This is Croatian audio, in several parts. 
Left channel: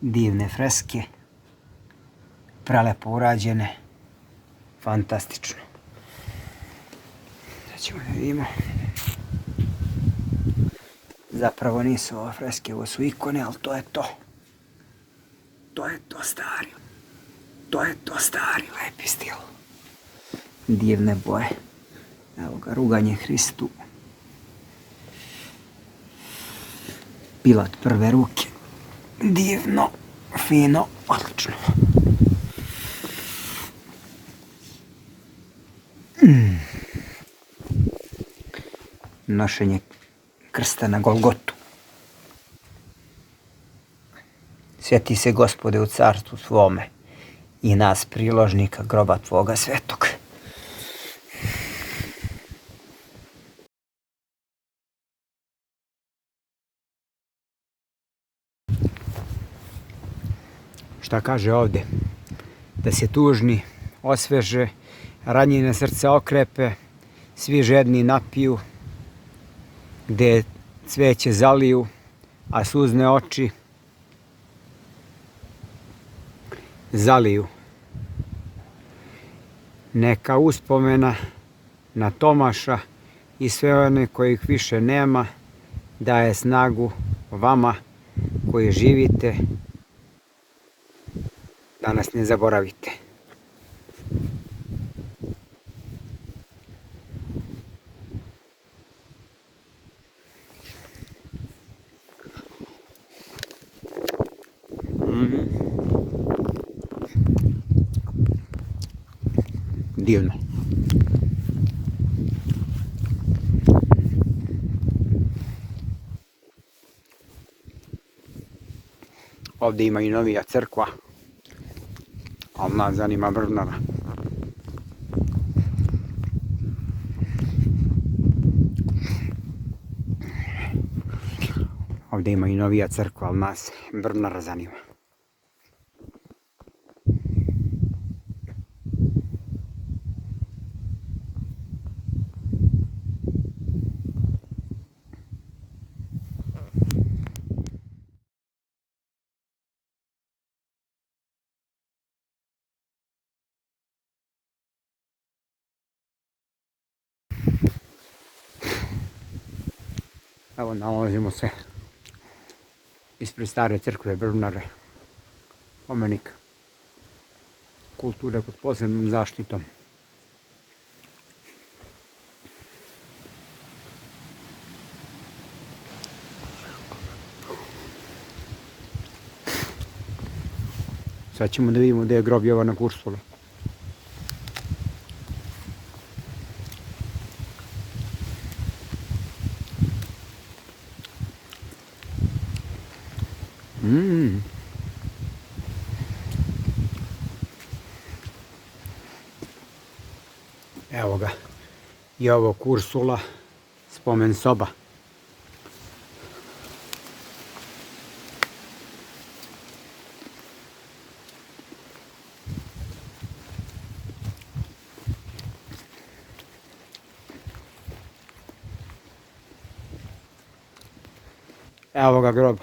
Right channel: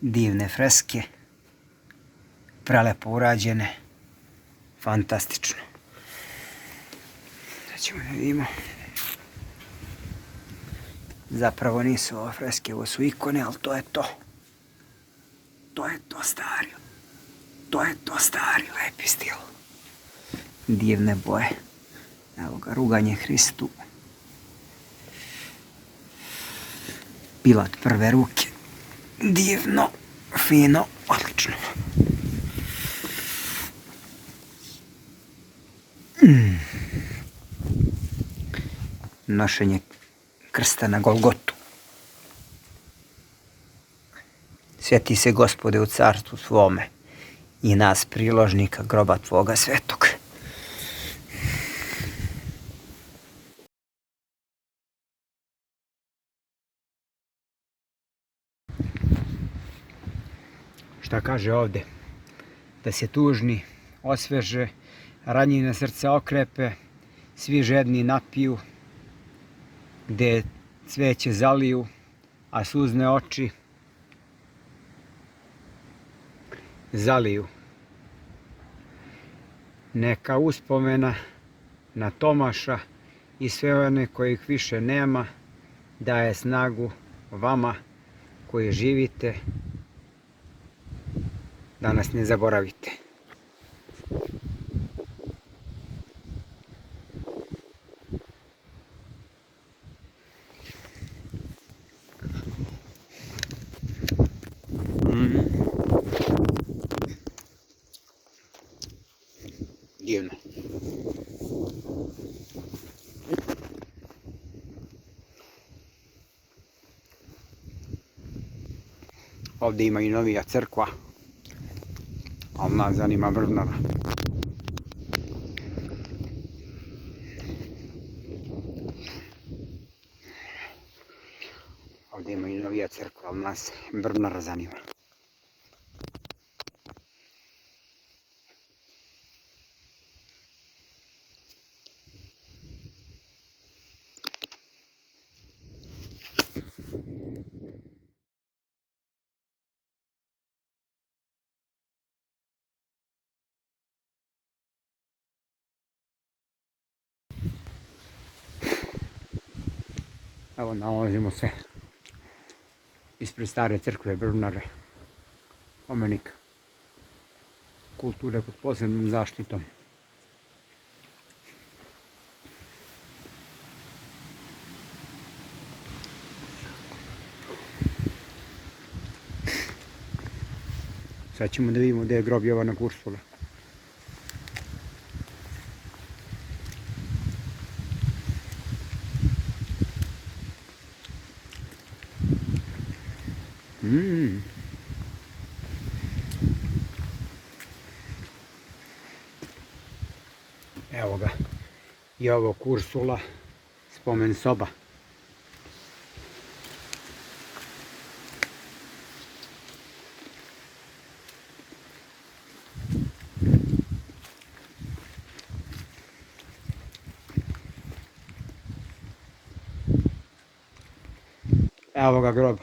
Divne freske, prelepo urađene, fantastično. Sad ćemo da vidimo. Zapravo nisu ove freske, ovo su ikone, ali to je to. To je to stari. To je to stari lepi stil. Divne boje. Evo ga, ruganje Hristu. Pilat prve ruke. Divno, fino, odlično. Nošenje krsta na Golgotu. Sjeti se, Gospode, u carstvu svome i nas priložnika groba Tvoga svetog. Šta kaže ovde? Da se tužni osveže, ranjene srca okrepe, svi žedni napiju, gde cveće zaliju, a suzne oči zaliju. Neka uspomena na Tomaša i sve one kojih više nema daje snagu vama koji živite, da nas ne zaboravite. Divno. Ovdje ima i novija crkva, ali nas zanima Vrvnara. Ovdje ima i novija crkva, ali nas Vrvnara zanima. Evo, nalazimo se ispred stare crkve Vrvnare, spomenik kulture pod posebnom zaštitom. Sad ćemo da vidimo gdje je grob Jovana Kursula. Evo ga, Jovo Kursula, spomen soba. Evo ga grob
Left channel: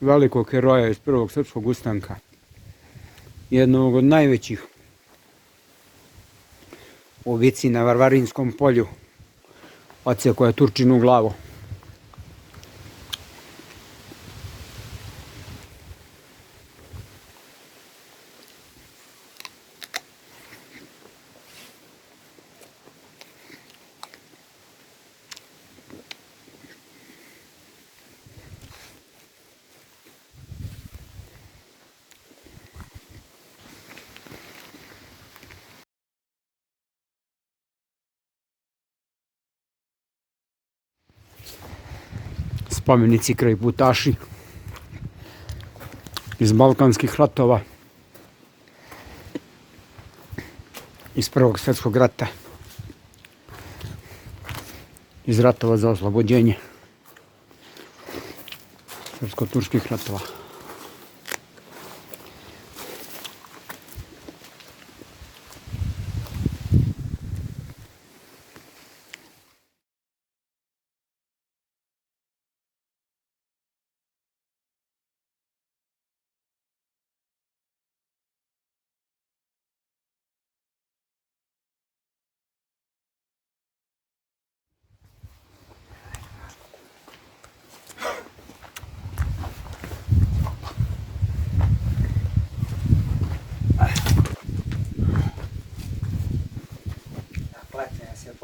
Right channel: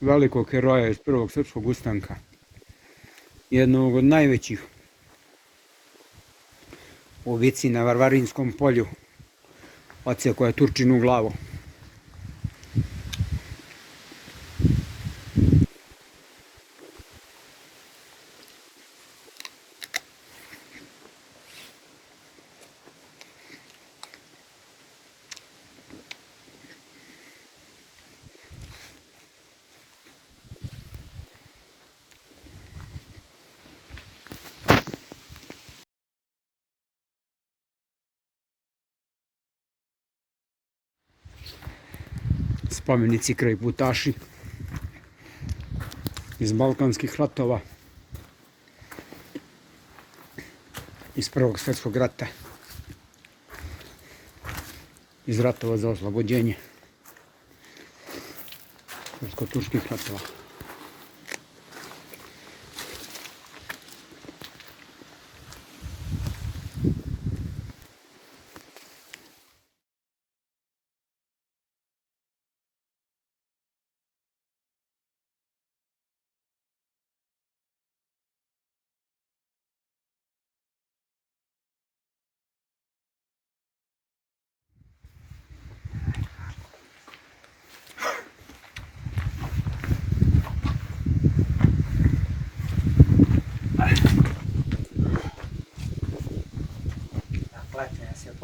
velikog heroja iz Prvog srpskog ustanka, jednog od najvećih u Vici na Varvarinskom polju, odsjekao je Turčinu glavu. Spomenici kraj putaši iz Balkanskih ratova, iz Prvog svjetskog rata, iz ratova za oslobođenje, srpsko-turskih ratova.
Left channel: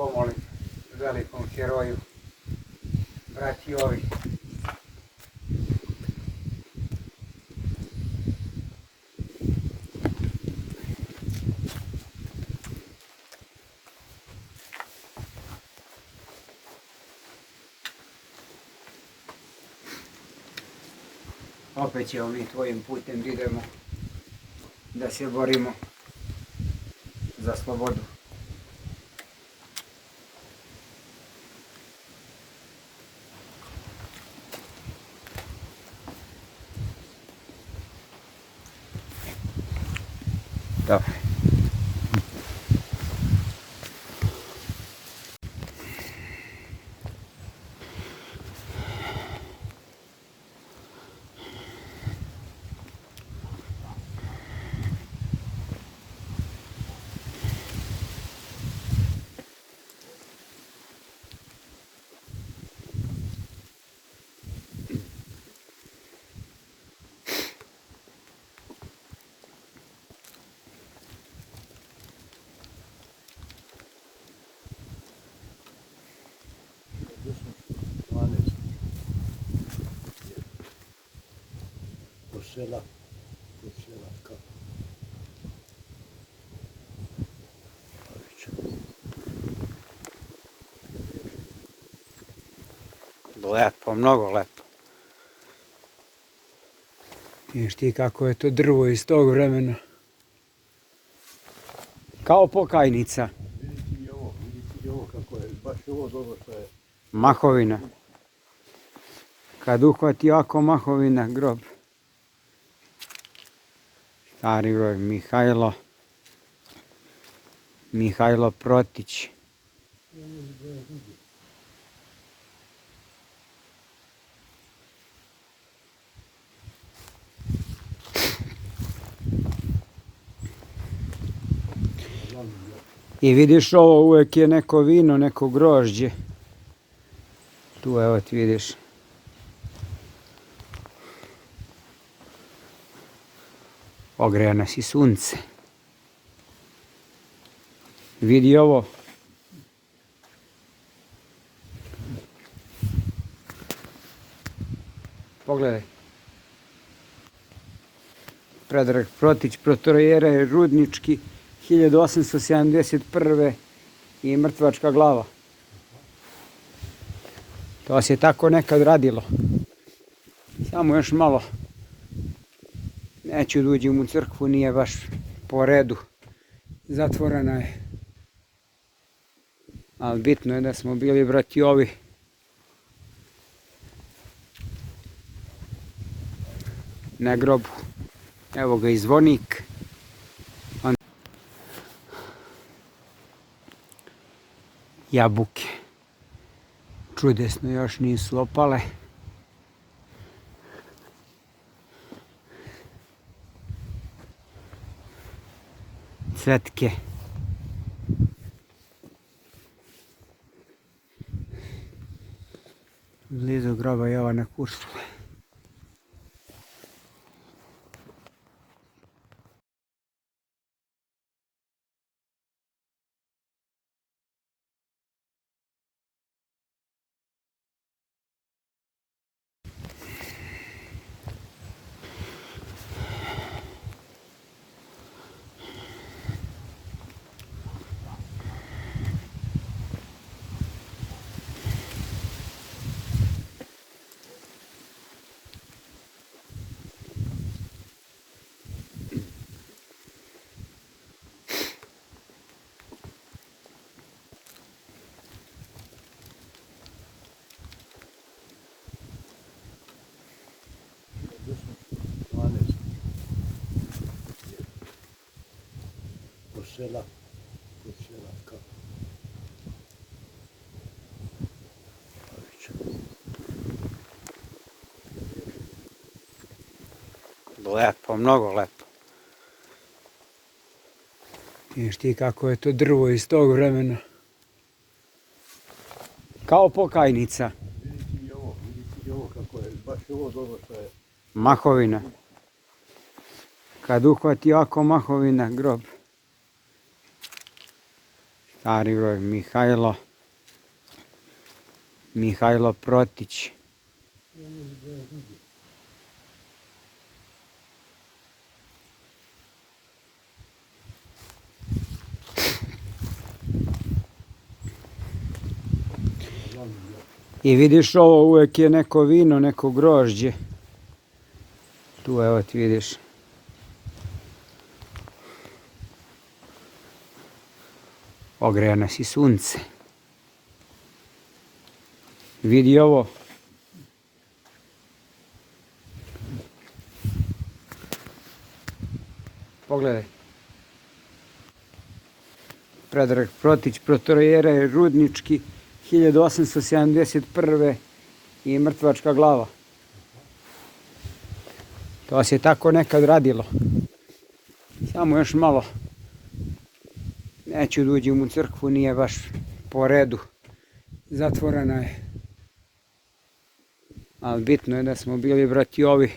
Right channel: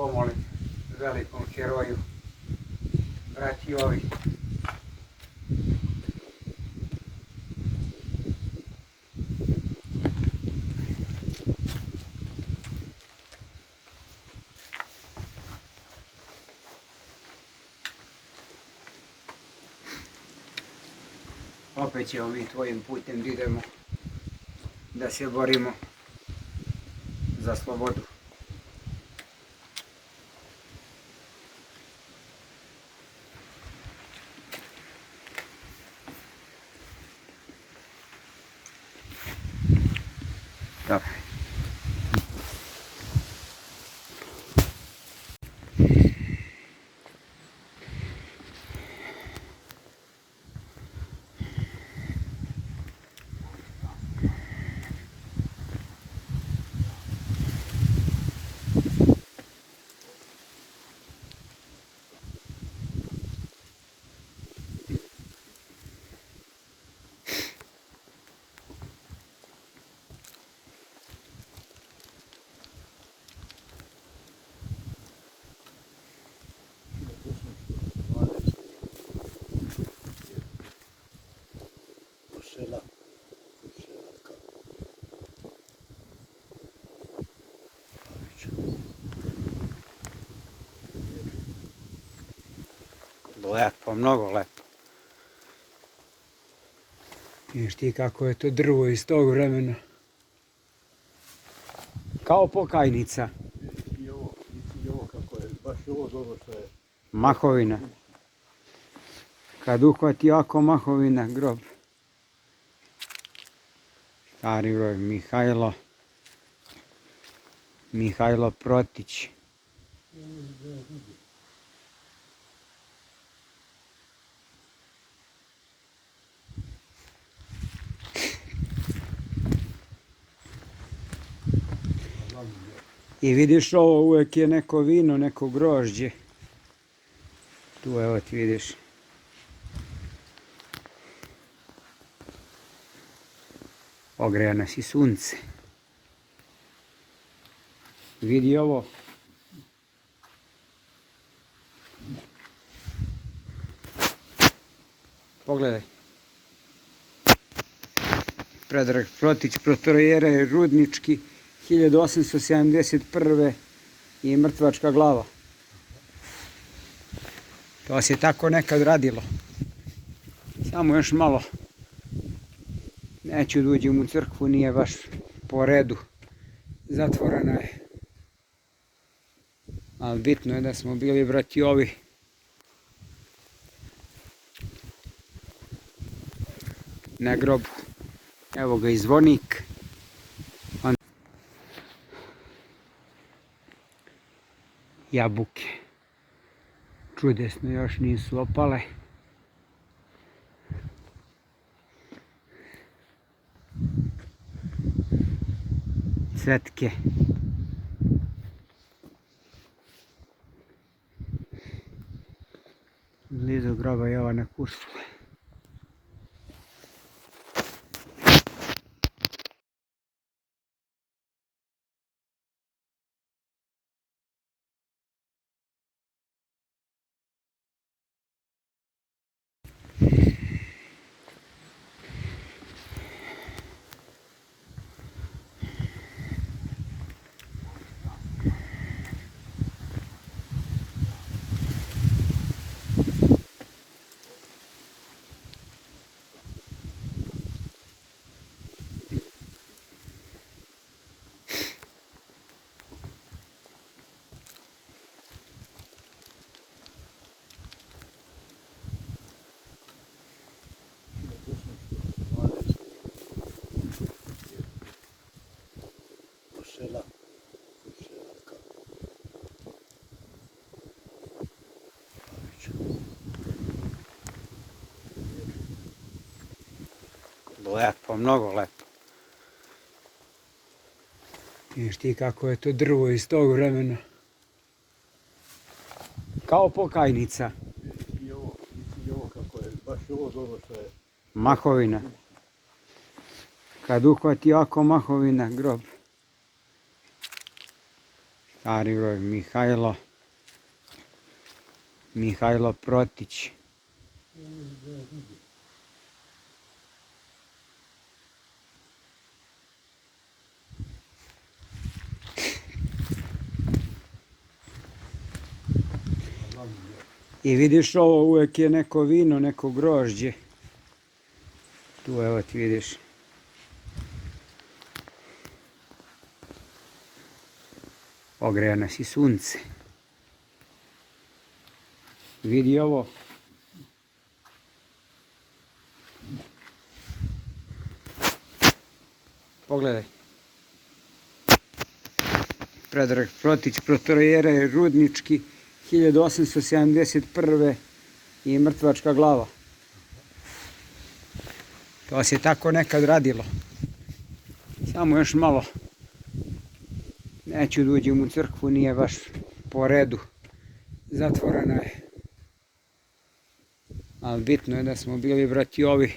pomolim velikom heroju, brati ovi. Opet ćemo mi tvojim putem da idemo, da se borimo za slobodu. Dobro. Sela, Selanka. Lepo, mnogo lepo. Vidiš ti kako je to drvo iz tog vremena. Kao pokajnica. Vidi i ovo kako je, baš ovo dobro što je. Mahovina. Kad uhvati ovako mahovina, grob. Stari broj Mihajlo Protić. I vidiš ovo, uvijek je neko vino, neko grožđe. Tu evo ti vidiš. Ogreja nas i sunce. Vidi ovo. Pogledaj. Predrag Protić, protojere Rudnički, 1871. i mrtvačka glava. To se tako nekad radilo. Samo još malo. Neću da uđem u crkvu, nije baš po redu. Zatvorena je. Ali bitno je da smo bili brati ovi. Na grobu. Evo ga i zvonik. Jabuke. Čudesno, još nisu opale. Cvetke. Blizu groba Jovana Kursula. Sela, Selanka. Lepo, mnogo lepo. Vidiš ti kako je to drvo iz tog vremena. Kao pokajnica. Vidi i ovo kako je, baš ovo dobro što je. Mahovina. Kad uhvati ovako mahovina, grob. Stari broj Mihajlo Protić. I vidiš ovo, uvijek je neko vino, neko grožđe. Tu evo ti vidiš. Ogreja nas i sunce. Vidi ovo. Pogledaj. Predrag Protić, protojere Rudnički, 1871. i mrtvačka glava. To se tako nekad radilo. Samo još malo. Neću da uđem u crkvu, nije baš po redu. Zatvorena je. Ali bitno je da smo bili brati ovi.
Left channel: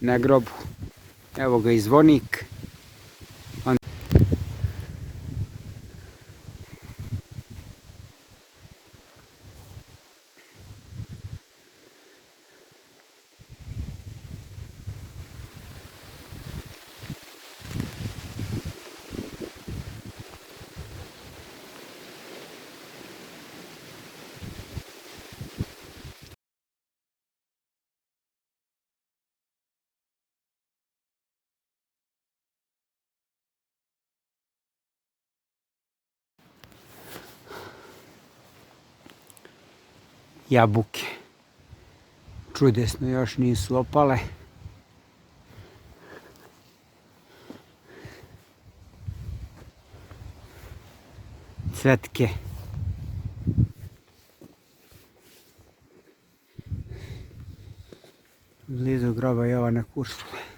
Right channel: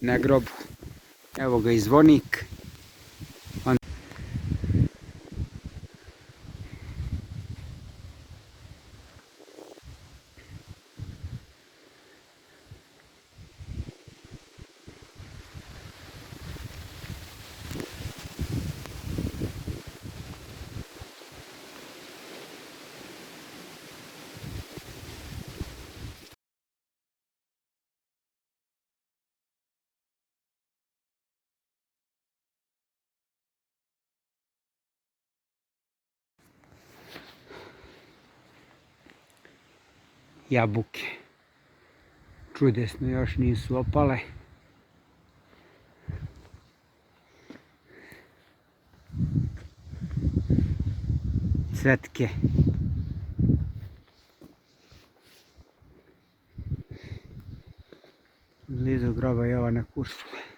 Na grobu. Evo ga i zvonik. Jabuke. Čudesno, još nisu opale. Cvetke. Blizu groba Jovana Kursula.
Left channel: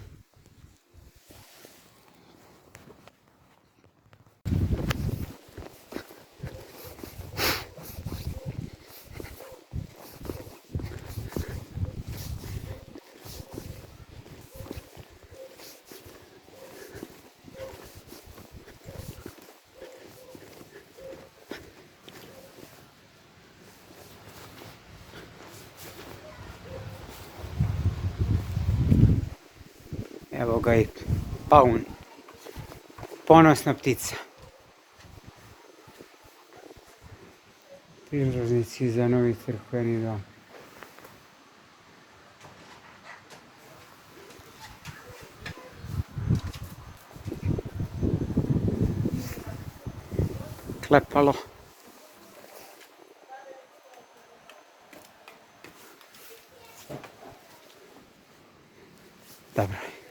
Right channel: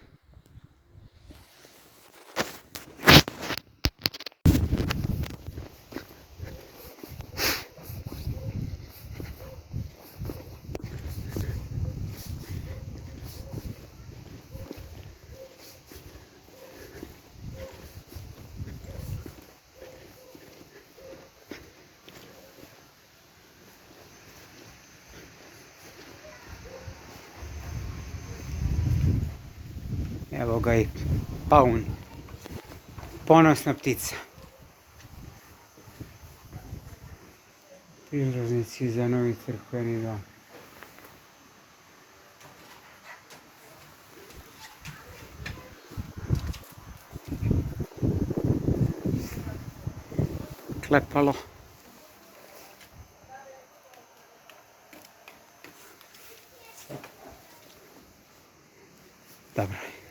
Evo ga i paun. Ponosna ptica. Prilaznici za novi crkveni dom. Klepalo. Dobro.